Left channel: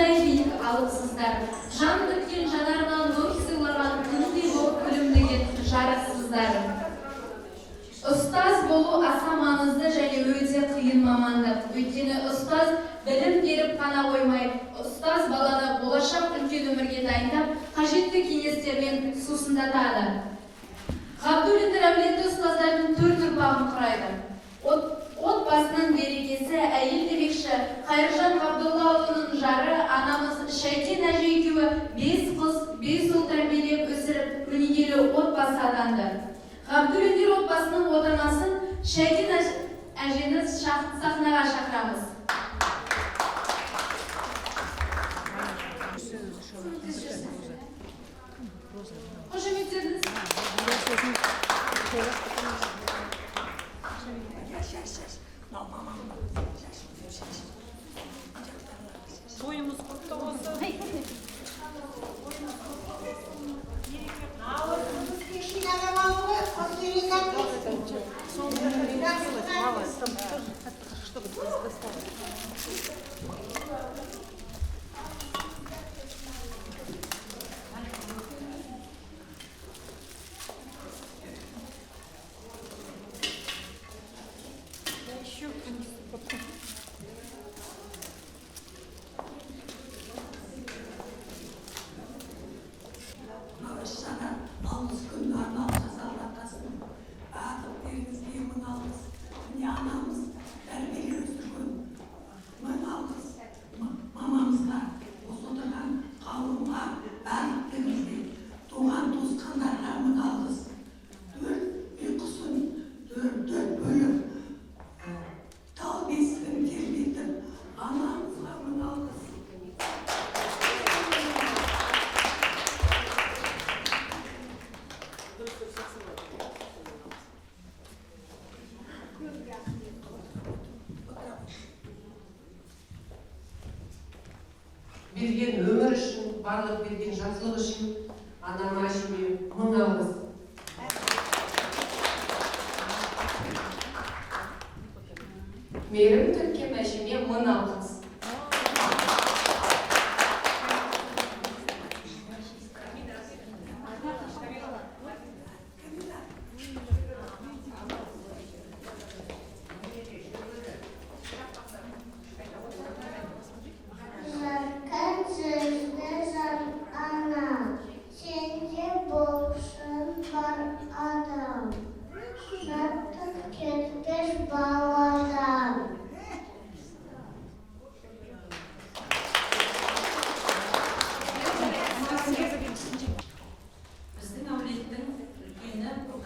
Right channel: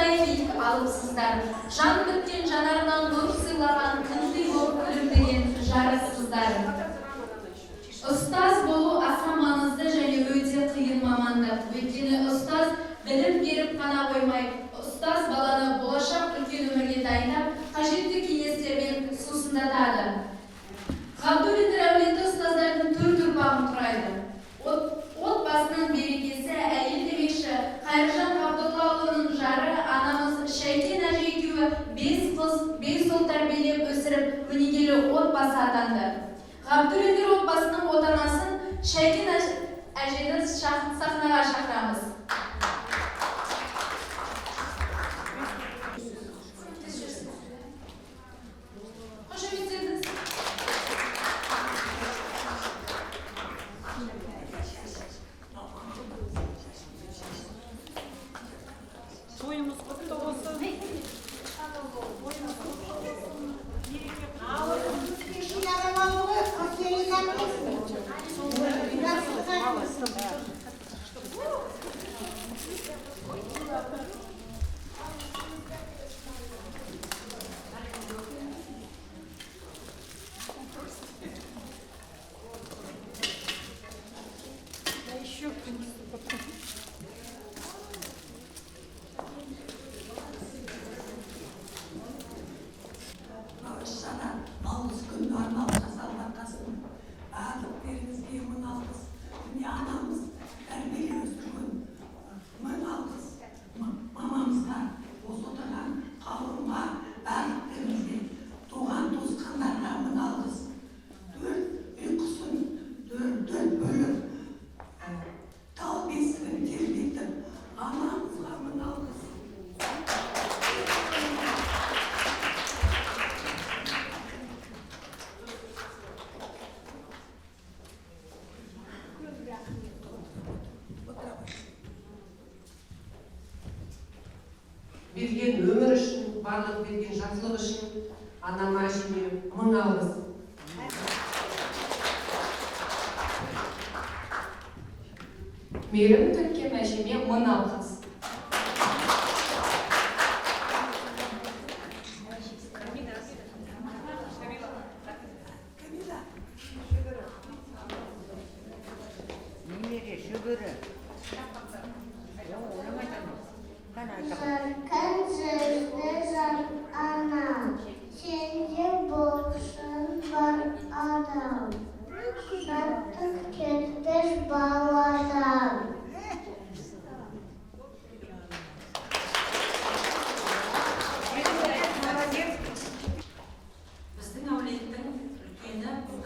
осындай биік алыпсыздар. Жан біткен жанарынан нұр сыйлаған күндей болып күлімдеген жарықсыздар. Ұстаз болу аса маңызды және өте қиын мамандық. Өйткені ұстаз білім беріп қана қоймай, ұстаз баланы болашақ үлкен өмірге дайындап, қажетті кеңестермен сусындатады. Ғабдуллин әулеті ұстаздардың төрт ұрпағын құрайды. Отбасының берекесі әйел демекші, Қайыржан Ғабдоллаұлының жары анамыз Шәйкен әже екеуі 5 қыз, 5 ұл тәрбиелеп өсіріп, өнегелі отбасы атанды. Ғабдуллин отбасының отанасын Шәйкен әжені сахнаға шақырамыз. Тойымыз құтты болсын. Берген өмір үшін, барлық берген жақсылық үшін анама әжеме мың алғыс. Мейірім төккен әжеме мың алғыс.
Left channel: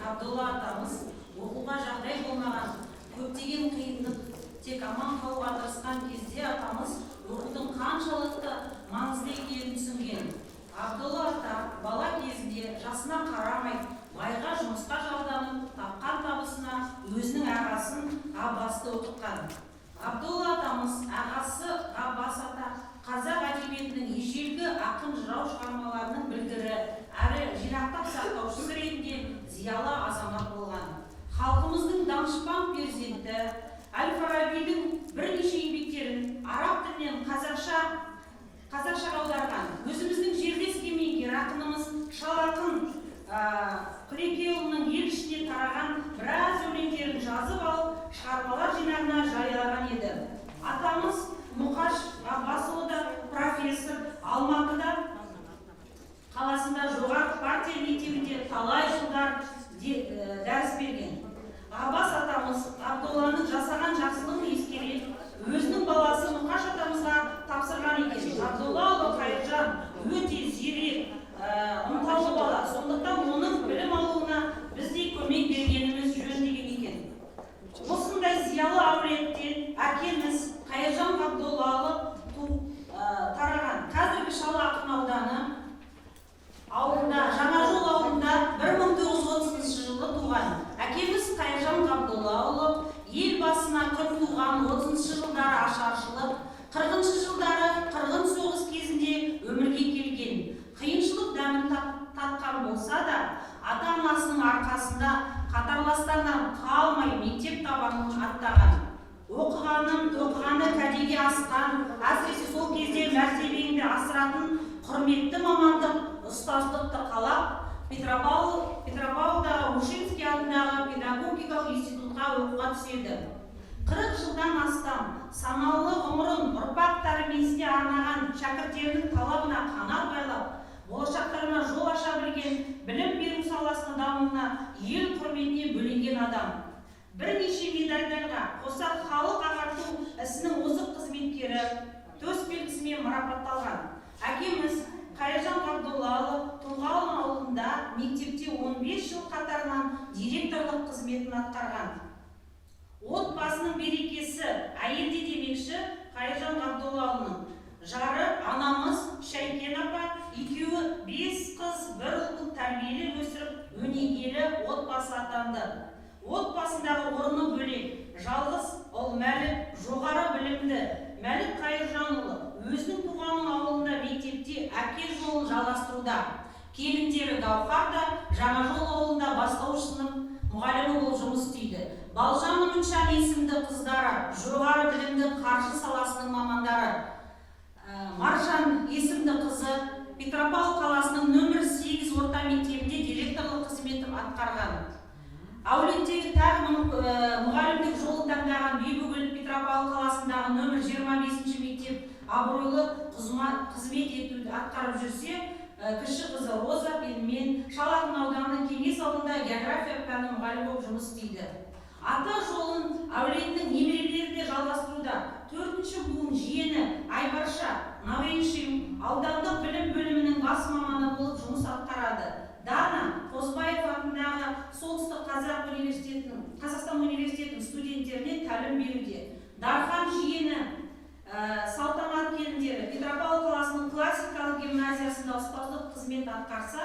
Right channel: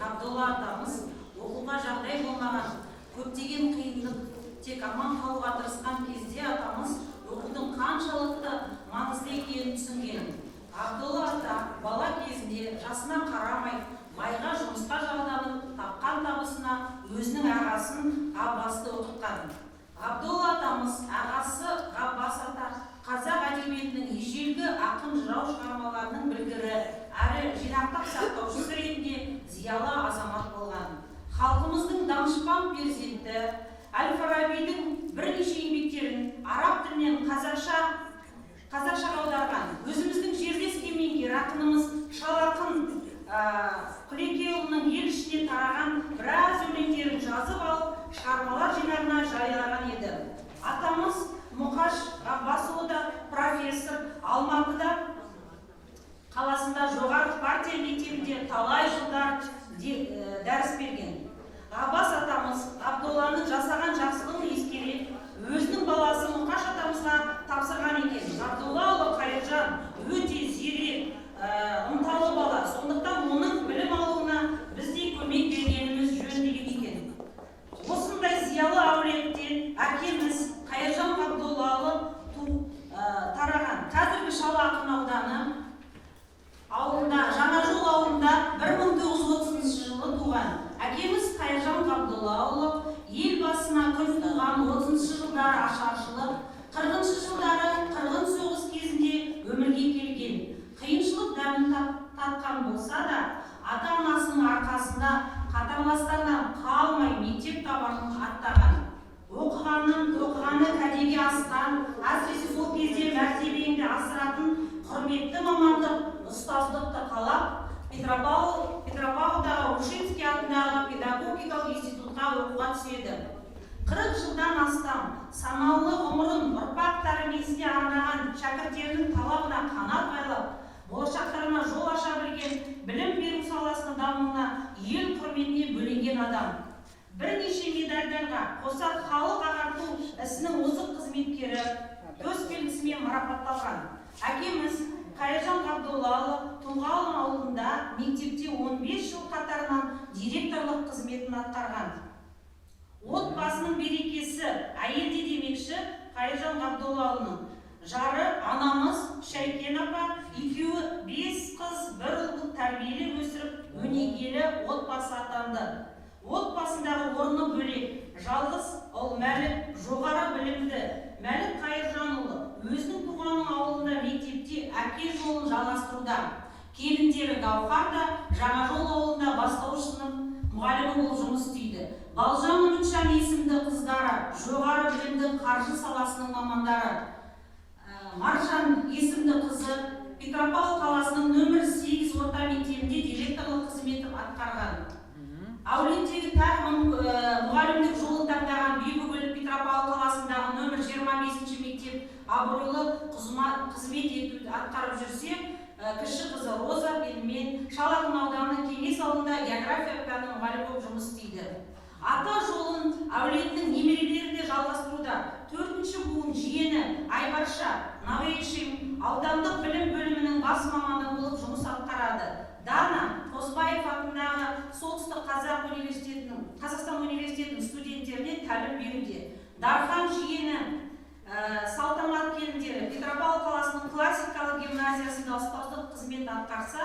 Абдолла атамыз оқуға жағдай болмаған, көптеген қиындық, тек аман қалуға тырысқан кезде атамыз оқудың қаншалықты маңызды екенін түсінген. Абдолла ата бала кезінде жасына қарамай, майға жұмысқа жалданып, тапқан табысына өзінің ағасын Ғаббасты оқытқан. Абдолла атамыз ағасы Ғаббас ата қазақ әдебиетінің ежелгі ақын жырау шығармаларының білгірі әрі жинақтап сақтаушысы ретінде зиялы азамат болған. Халқымыздың данышпан перзенті Әл-Фарабидің бірнеше еңбектерін араб тілінен қазақшаға аударған өзіміздің жерлес кемеңгер ақынымыз Шал ақын Құлекеұлының ел ішіне тараған біраз өлеңдерін жазып алып, шығармалар жинағына жариялаған еді. Атамыз Мұқаш Ғаббасұлы да профессор, Алматыда қаласында жоғарғы партия мектебінде талай жылдар дәріс берген. Ғаббас атамыз Абдолланың жасаған жақсылығын ескере, өзінің баласы Мұқаш атамызға тапсырған екен. Абдолла ұлы Қайыржан өте зерек, ынталы бала. Сондықтан оның білім алуына біздей көмек бергеніміз жөн деген екен. Осындай зиялы әулеттен әкеміз Қайыржан Ғабдоллаұлы тараған. Қазіргі Шал ақын ауданы ауылында, Жаңажол ауылында 1930 жылы туған. Әкеміз Қайыржан Ғабдоллаұлы ел басына күн туған 30 жылдары ашаршылық, 40 жылдары қырғын соғыс кезінде өмірге келген. Қиыншылық дәмін татқан болса да, ата-анасының арқасында қатарластарынан қалмай мектеп табанын аттаған. Оқығаны кәдеге асқан, әсіресе сол кезде мәртебең тәрбиесіне арнаған шәкірттерінің талабына қанат байлап, болашақтарына жол аша білген, білім беру саласының дамуына, ел құрметіне бөленген адам. Бірнеше медальдарға қоса халық ағарту ісінің озық қызметкері төс белгісімен марапатталған. Әкеміз Қайыржан Ғабдоллаұлы Тұлғалы ауылында мектепте 15 жыл қатарынан директорлық қызметін атқарған. Отбасының берекесі әйелде демекші Қайыржан Ғабдоллаұлының жары анамыз Шәйкен апа екеуі 5 қыз, 1 ұлды тәрбиелеп өсіріп, өнегелі отбасы атанды. Отбасындағы орны бөлек, жалғыз ұл Мәлік жоғары білімді. Мәлік Қайыржанұлы өзінің туған ауылында мектепте әке жолын жалғастыруда. Келіндері Гаухар да Жаңажол ауылында бастауыш сынып мұғалімі болып жұмыс істейді. Балжан Үмітжан есімді қыздары жоғары білімді қаржы саласының мамандары. Маржан есімді қызы Петропавл қаласының нөмір 8 орта мектебінде директорлық қызметін атқарған. Әулеттегі тағы мұғалімдік жолын таңдаған Бибігүл Петропавл қаласындағы нөмір 25 мектеп абыройлы қызмет етуді атқарып жүрсе, кіші қызы Роза мен Шалағын ауданы Кеңес ауылында география пәні мұғалім болып жұмыс істейді. Ата жолын әулетінің немерелері де жалғастыруда. 4-ші буын жиені Айбарша Навейшин аудандық білім бөлімінің бас маманы болып жұмыс атқарады. Дана Қозбаев атындағы Солтүстік Қазақстан университетінің студенттеріне тәлім беруде. Дархан жиені Салтанат келіндері Петропавл қаласының классикалық гимназиясында ұстаздық қызмет атқарса,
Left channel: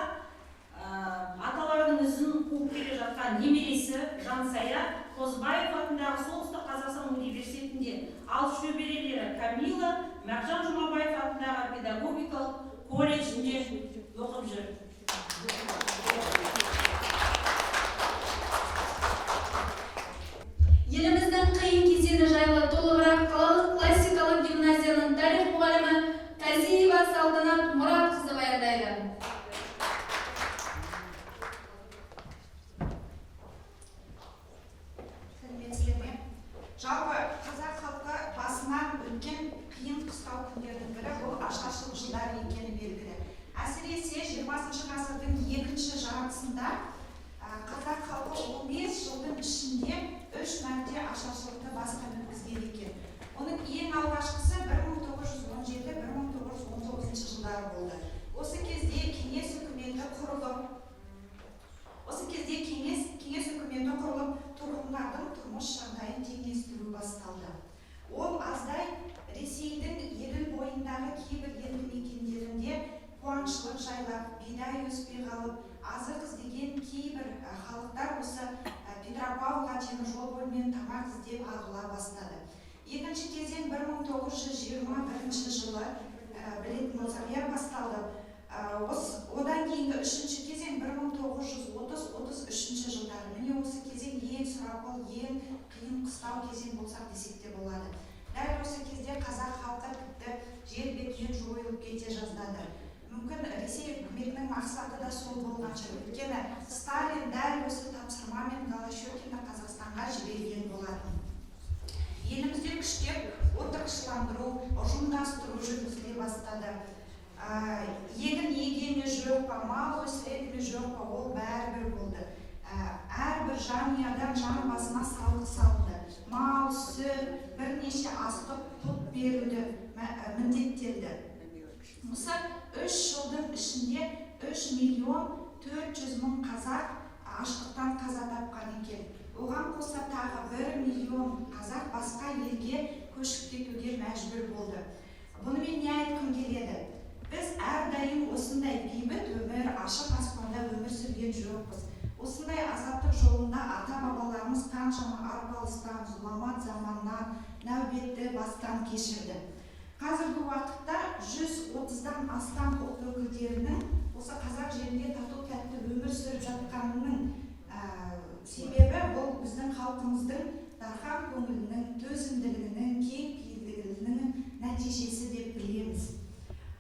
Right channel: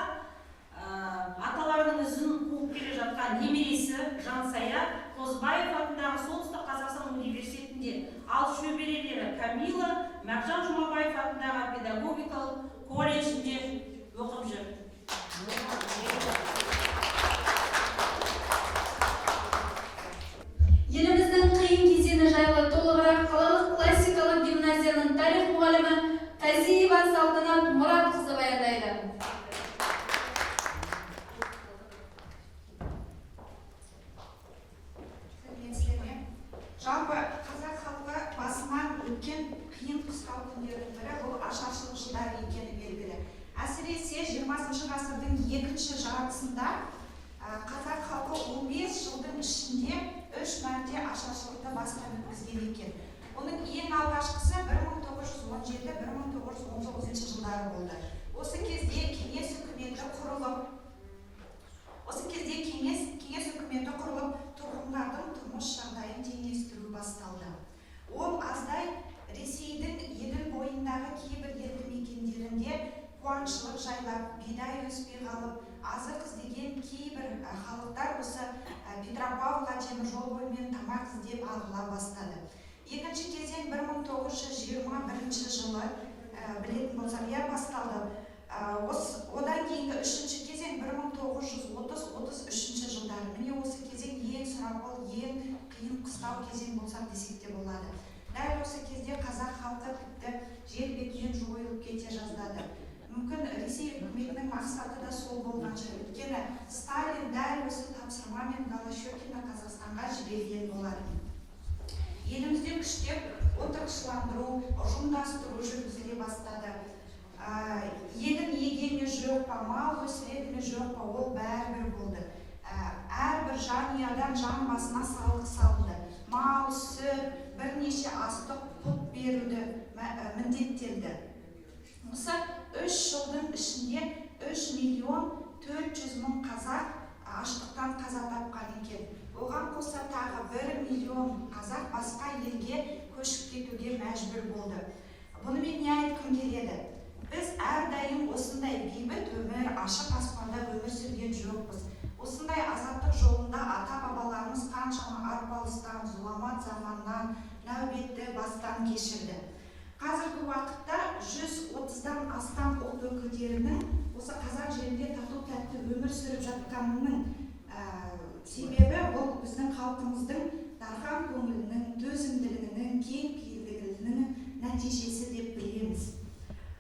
аталарының ізін қуып келе жатқан немересі Жансая Қозбаев атындағы Солтүстік Қазақстан университетінде, ал шөберелері Камила Мағжан Жұмабаев атындағы педагогикалық колледжінде оқып жүр. Еліміздің қиын кезеңі жайлы толығырақ қалалық классикалық гимназияның тарих мұғалімі Тазиева Салтанат Мұратқызы баяндайды. Жалпы қазақ халқы басынан өткен қиын қыстау күндердің бірі бұл ашаршылық жылдары екені белгілі. Әсіресе 20 ғасырдың екінші жартысында қазақ халқы 15 жылдың ішінде 3 мәрте ашаршылықты бастан өткізген екен. Оның ең алғашқысы 1917-1919 жылдары болды. Осы кезде кеңес үкіметі құрылып, тұрғындардың тұрмыс жағдайын теңестіру басталды. Ол аздай Ресейдің Еділ бойындағы кейбір елді мекендерінде қуаңшылық жайлап, бидай өспей қалып, азық іздеген кейбір халықтар осы Петропавлға теміржол бойымен тамақ іздеп ағыла бастады. Екінші кезең 1921 жылы білетін болсақ басталды. Одан кейінгі үшінші кезең 1930-33 жылдары. Міне осы кезең ең сұрапыл, ең қиын қыстау кезең болсақ десек те болады. Дәл осы кезде қазақ халқы тіпті жер бетінен жойылып кете жаздады. Мүмкін Ресей үкіметінің мақсаты да сол болған шығар. Өйткені Сталин дәл осы тапсырмамен Голощекинді Қазақстанға жіберген болатын. Елімізде күштеп отырықшыландыру, ұжымдастыру жүргізіле бастады. Егін егеме жоқ па, мал өсіреді ме жоқ па, ол бәрібір болды. Әрбір жанұядан жан басына салық салынды. Мал, сүт, бірнеше астық пұт беруді міндеттелді. Осы 3 жылдың ішінде 3.400.000 қазақ аштықтан қаза тапқан екен. Оған қоса тағы 1 миллион қазақ басқа елге көшіп кетуге мәжбүр болды. Бұнымен не айтқым келеді? Біз әрдайым осындай бейбіт өмір, ашық аспанда өмір сүрген жоқпыз. Осындай азаттық жолында ата-бабаларымыз қаншама арпалыстан, зұламат заманнан, нәубетті бастан кешірді. Қазіргі уақытта 130-дан астам ұлт өкілдерінің осы қазақ жерінде тату-тәтті өмір сүріп жатқанының себебі бұл біздің халқымыздың дархан көңілінің, төзімділігінің, кең пейілдігінің нәтижесі деп білеміз.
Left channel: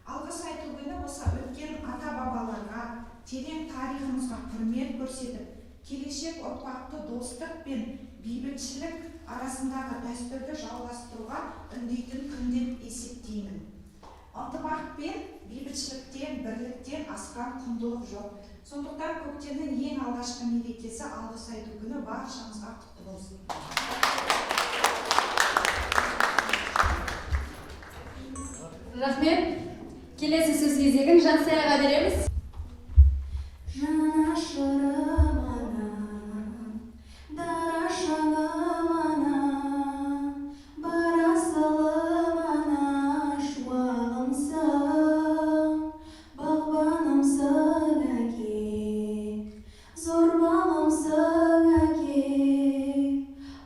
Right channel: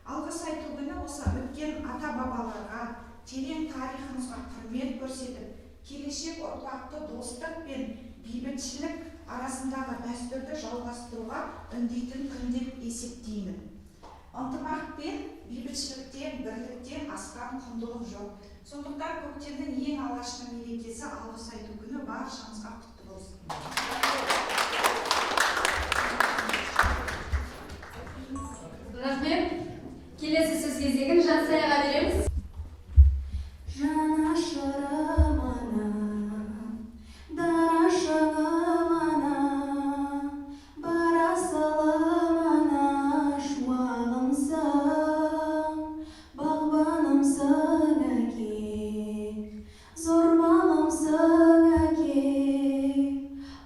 Алғыс айту күні осы өткен ата-бабаларға, терең тарихымызға құрмет көрсетіп, келешек ұрпақты достық пен бейбітшілік арасындағы дәстүрді жалғастыруға үндейтін күн деп есептеймін. құндылық жоқ. Сондықтан көктемнің ең алғашқы мерекесі алғыс айту күні баршамызға құтты болсын. Рахмет. Келесі сөз кезегін Жансаяға береміз. Жанашырым ана, дара шағым ана, барасылым ана, шуағымсың, бағбанымсың әке, зор бағымсың әке,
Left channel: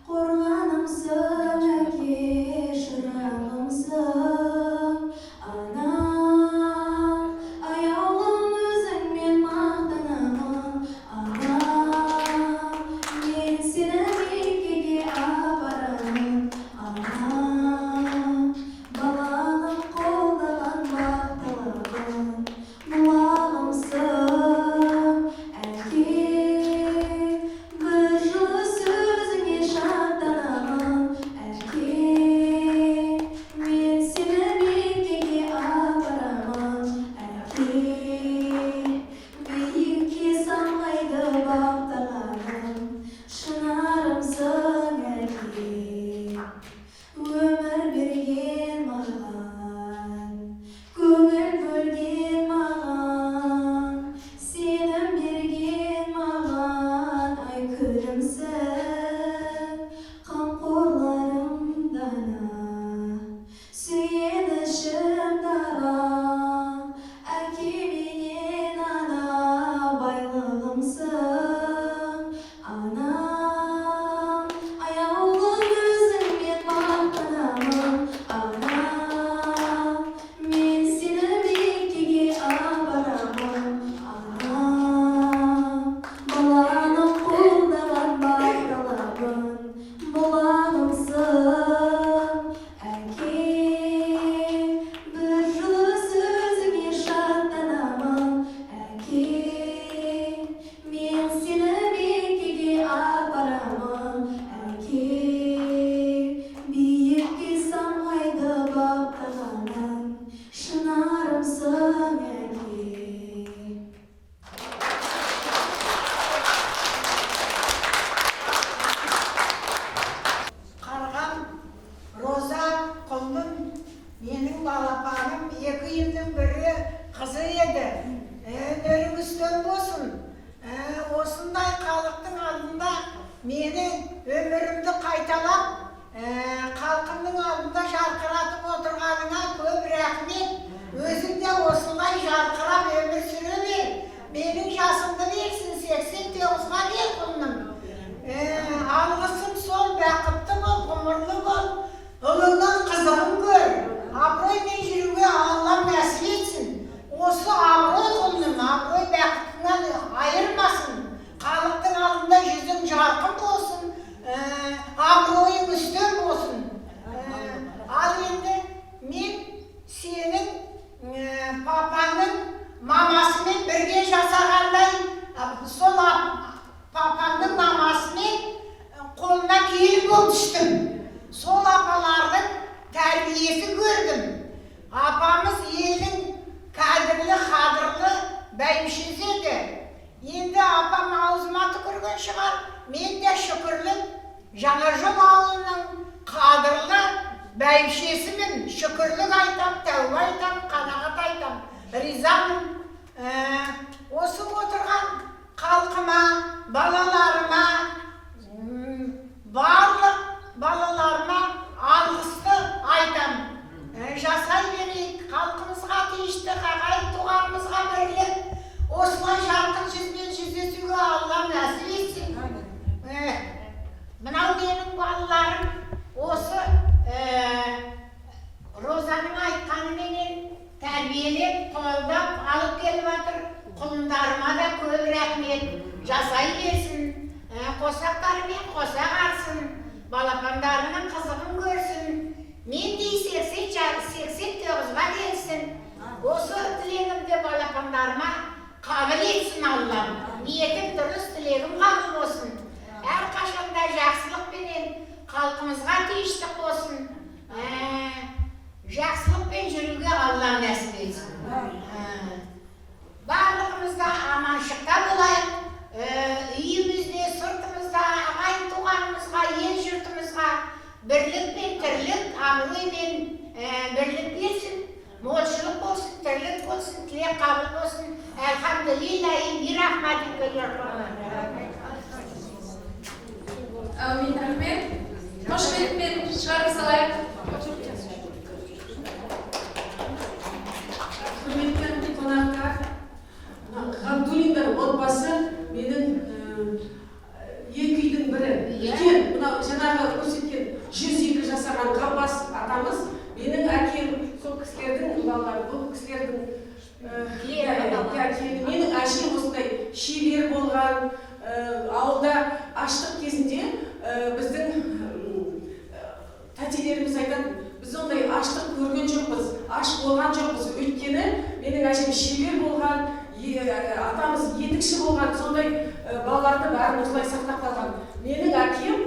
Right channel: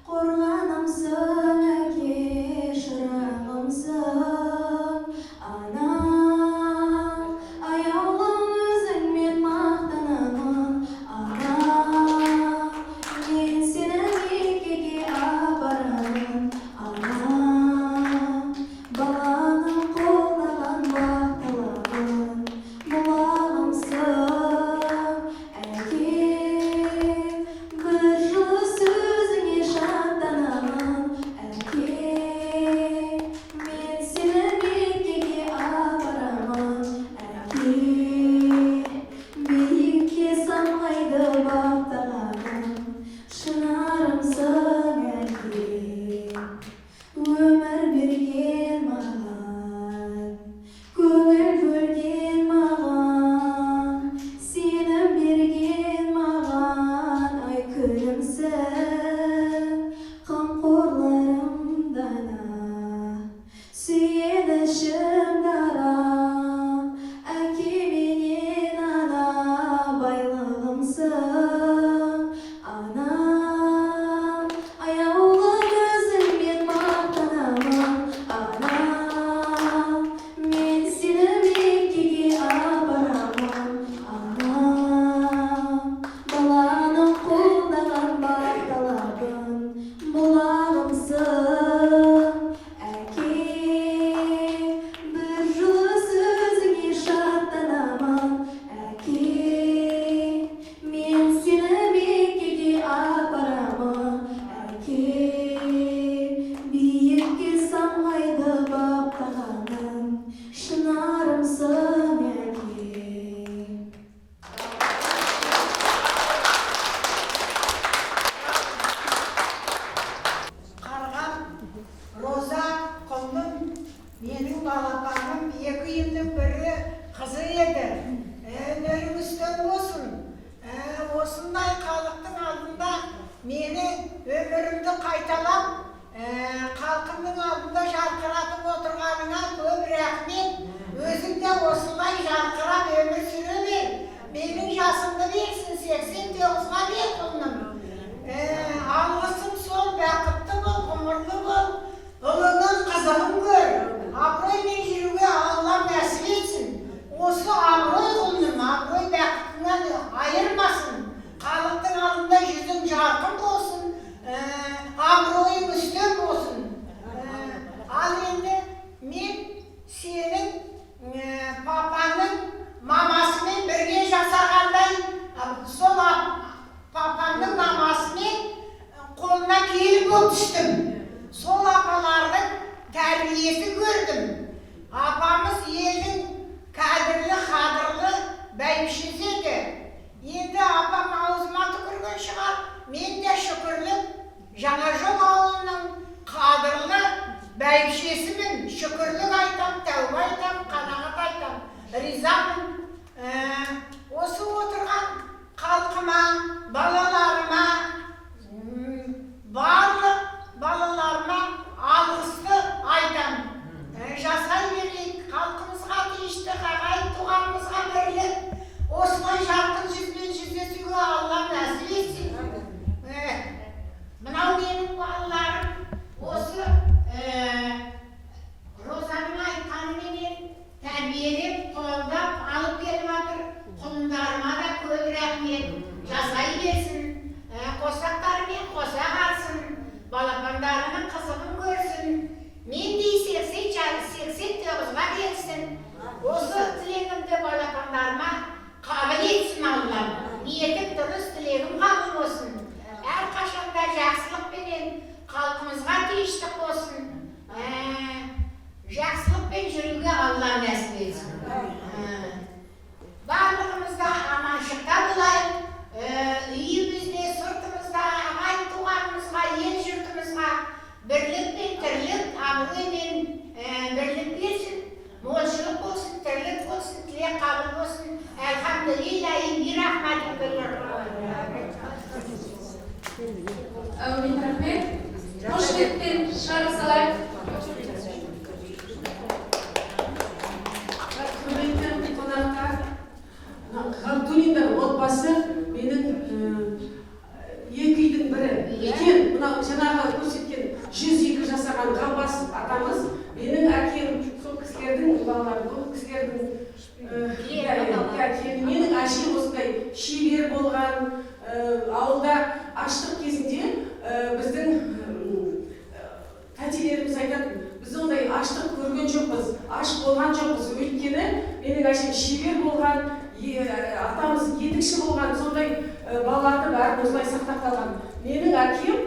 қорғанымсың әке, шырағымсың ана. Аяулым өзіңмен мақтанамын ана, мен сені меккеге апарамын ана, баланың қолдаған бақталығын бұлағымсың әке, бір жылы сөзіңе шаттанамын әке, мен сені меккеге апарамын әке, биікке самғайды бақтағаным шынарымсың әке, өмір берген маған, көңіл бөлген маған, сенім берген маған, ай күлімсің, қамқорларым дана, сүйенішім дара, әке менен ана, байлығымсың ана. Аяулым өзіңмен мақтанамын ана, мен сені меккеге апарамын ана, баланың қолдаған бақталығын бұлағымсың әке, бір жылы сөзіңе шаттанамын әке, мен сені меккеге апарамын әке, биікке самғайды бақтағаным шынарымсың әке. Қарғам Роза құлным, менің балапаным, екі үйімнің бірі қызы еді. Нөрің үстем болсын. Осындай халықтың алдында менің өмірімді қайталап, халқымның алдында жарқыратып отырғаныңа көп рахмет. Өзің де осылай жарқырап өмір сүре бер. Менің жасымды берсін, 89-ға кел құлным. Алғысым сол, бақытты бол, ғұмырлы бол, ұлыңның қызығын көр. Абыроймен жүруге Алла нәсіп етсін. Осы абырой құлным, абырой бақытыңнан айырмасын. Халықтың алдында жүзің жарқын болсын, абыройың үстем болсын. Ал енді мен сенің папаңның мамасымен бірге жасағандай, сол папаңның мамасымен қолына келін болып түстім. Сол апалардың тәрбиесі көрдім. Апамыз елдің кәдірлі, қадірлі бәйбішесі еді. Енді апам аузыма түкірген шығар, мен де шүкірлік Жаңажол ауылының қадірлі бәйбішесімін. Шүкірлік айтам, тәуба айтам, қанағат айтам, ризамын. Осы отырған халқыма, балаларыма, барлық балаларыма алғысты айтам. Жасай берейік, халқымызға тиішті, ағайын туғанымызға бірлік. Осылай жарқын жүзбен жүздесуге Алла нәсіп етсін. Мынау менің балаларым осы Розаның айтқанымен тәрбиелеп, қолдап алып келіп жатыр. Құлындарыма да көп рахмет. Жасай берсін, қосақтарымен қоса қарсын, балапандарының қызығын көрсін. Мен дей 89-ға келсін. Осы тілегімді балапандарыма қабыл етсін Аллам. Ниетім дұрыс, тілегім қабыл болсын. Әр қашанда жақсылықпенен халқымызға тиіштік болсын. Жақсылықпен жүруге Алла нәсіп етсін. Bарлығымызда аманшылықта болайық. Үйімізде, сыртымызда, ағайын туғанымызға, ел жұртымызға бірлік пен тірлік, абыроймен бірлік берсін, молшылық болсын, тірлік болсын, тілек қабыл болсын. Әлхамдулиллахи би рахматике я Әумин, рахмет. Қошеметпен шығарып салайық. Құрметті қонақтар, Ғабдуллиндар отбасы менің екі үйдің бірі. Үлкен, мынау жаңағы көрсеткен 102 жасаған Ғаббас атамыз, менің әкем, сол кісілердің балалары, бұл кісілердің менің әшем осындай шебер болған, ауылда аштық кезінде біздің тәтелеріміз айтады, біз ондай аштық көрген жоқпыз, аш болған жоқпыз. Өйткені менің әшем шебер болған, атамыз етікші болған, сондай балаларды бәрін осылай сақтап қалған. Менің әкем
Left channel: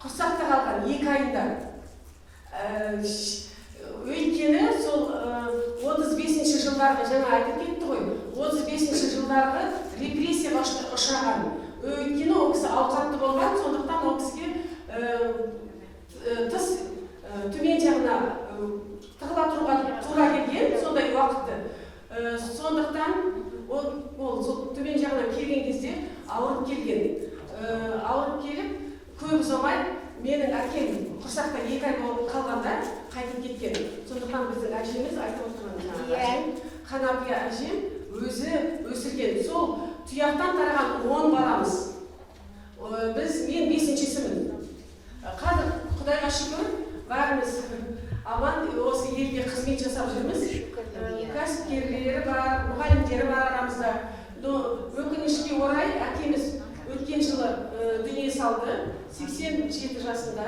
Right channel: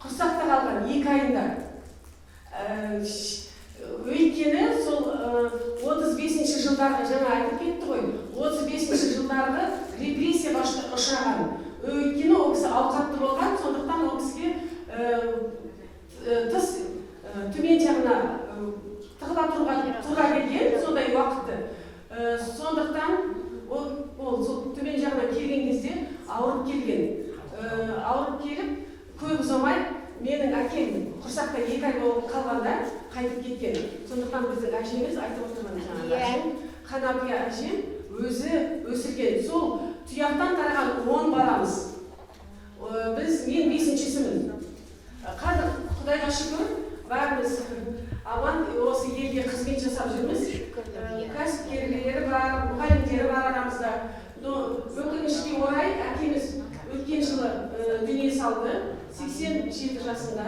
құрсақта қалған 2 айында. Өйткені сол 35-ші жылдарғы, жаңа айтып кетті ғой, 35-ші жылдарғы репрессияға ұшыраған. Өйткені ол кісі ауқатты болған, сондықтан ол кісіге тыс төмен жағына тығыла тұруға тура келген, сондай уақытты. Сондықтан ол төмен жағына келген кезде ауырып келген. Ауырып келіп, көп ұзамай менің әкем құрсақта 2 ай болып қалғанда қайтып кеткен. Сондықтан біздің әжеміз айтып отырған жаңағы әжем, Қанапия әжем өзі өсірген. Сол тұяқтан тараған 10 баламыз. Мен 5-шісімін. Қазір Құдайға шүкір, бәріміз аман осы елге қызмет жасап жүрміз. Кәсіпкерлері бар, мұғалімдері бар арамызда. Өкінішке орай әкеміз өткен жылы дүние салды, 87 жасында.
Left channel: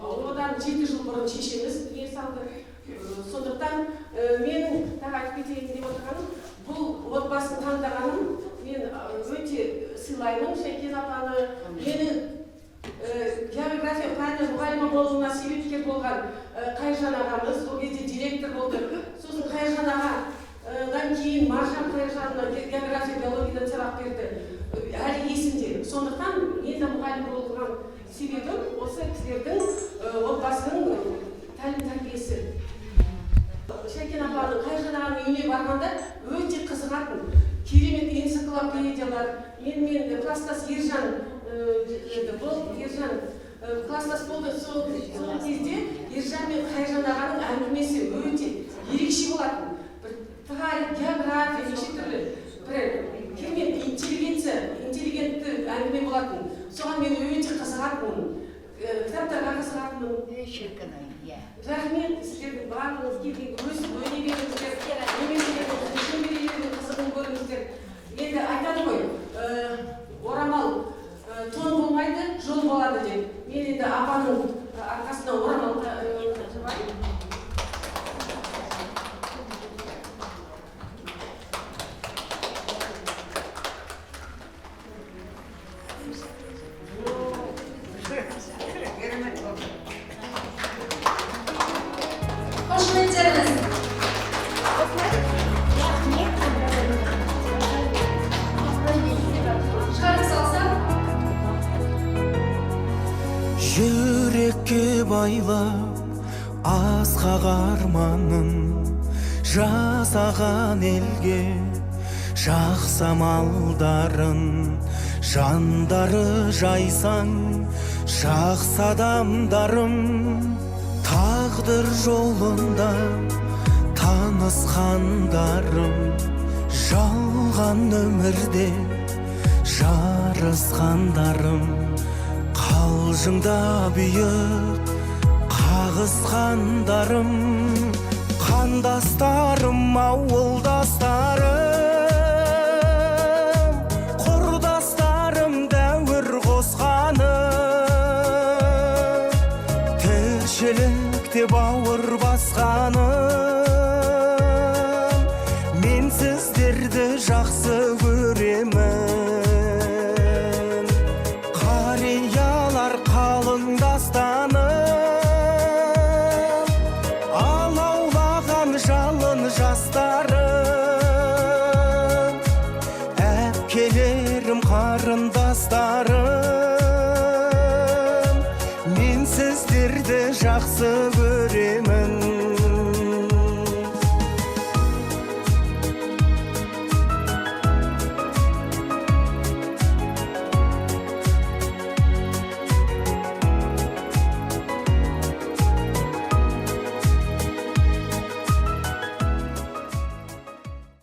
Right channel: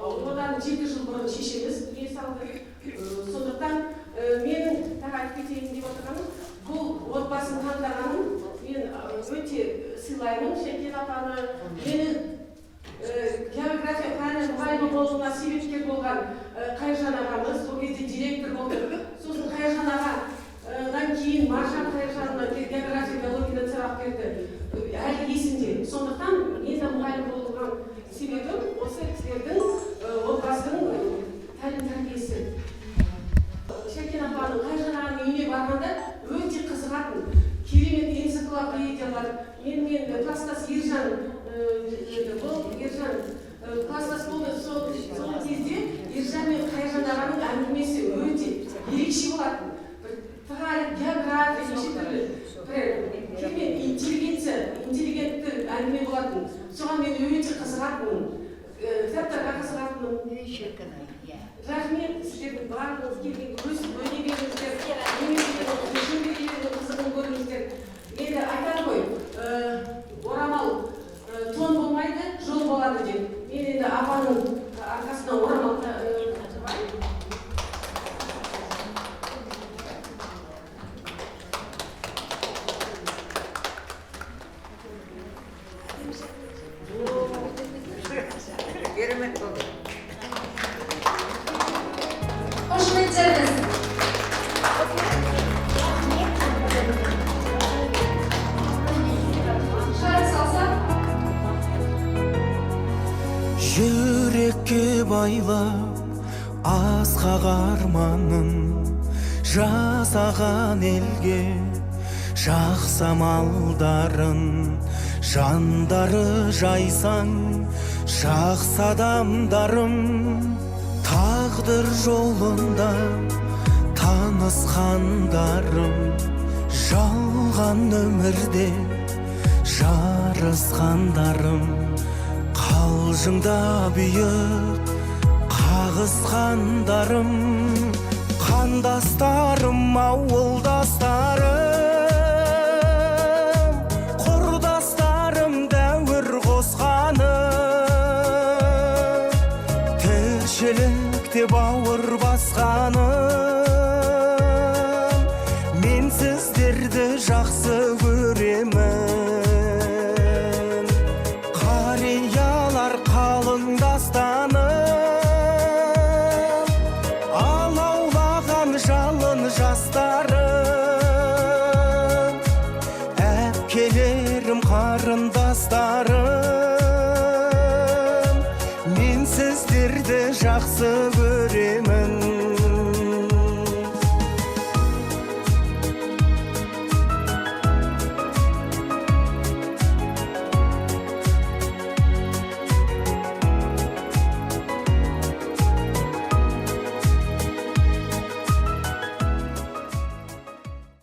Одан 7 жыл бұрын шешеміз дүние салды. Сондықтан менің айтып кетейін деп отырғаным, бұл отбасын таңдағаным мен өте сыйлаймын. Шәкен апаны, мені география пәні мұғалімі болуына себепкер болған Қайыржан ағамыз, ол кезде директор болды. Сосын Қайыржан ағадан кейін Маржан Қайыржанына география биологиядан сабақ берді. Әлі есімде. Сондықтан мен де мұғалім болған себебім осы кісілердің отбасының тәлім-тәрбиесі. Шәкен апаның, Қайыржан ағаның үйіне барғанда өте қызығатын. Керемет энциклопедиялар, мен класстас Ержан класстас болды. Сол кезде Ержан мен Қайыржан ағаның әңгімесі өте ерекше болатын. Тарих, география, неше түрлі керемет интеллигентті әңгіме болатын. Соған мен өте қызығатынмын. Кітаптарға қызығатынмын. Рахмет сіздердің барлығыңыз келген өсіп өнегелеріңіздер, немесе шөберелердің қызығын көріңіздер. Енді айтады ғой, орамал тон болмайды, жол болады деп. Мен енді апаның арқасына орамал жабайын. Қошеметтеріңіз. Шығарып салсам. Жүрекке байлап асқақ арманын жасаған елге жақсы амалдарын жандары жайсаң жақсы адамдарым тағдыр жолында танысқандарым жалған өмірде жарысқандарым қалжыңда бүйіп қағысқандарым қандастарым ауылдастарым құрдастарым дәуір қосқаным тіршілікте бауыр басқаным мен сіздерді жақсы көремін қариялар қалыңдастаным алаулаған жалын жастар жақсы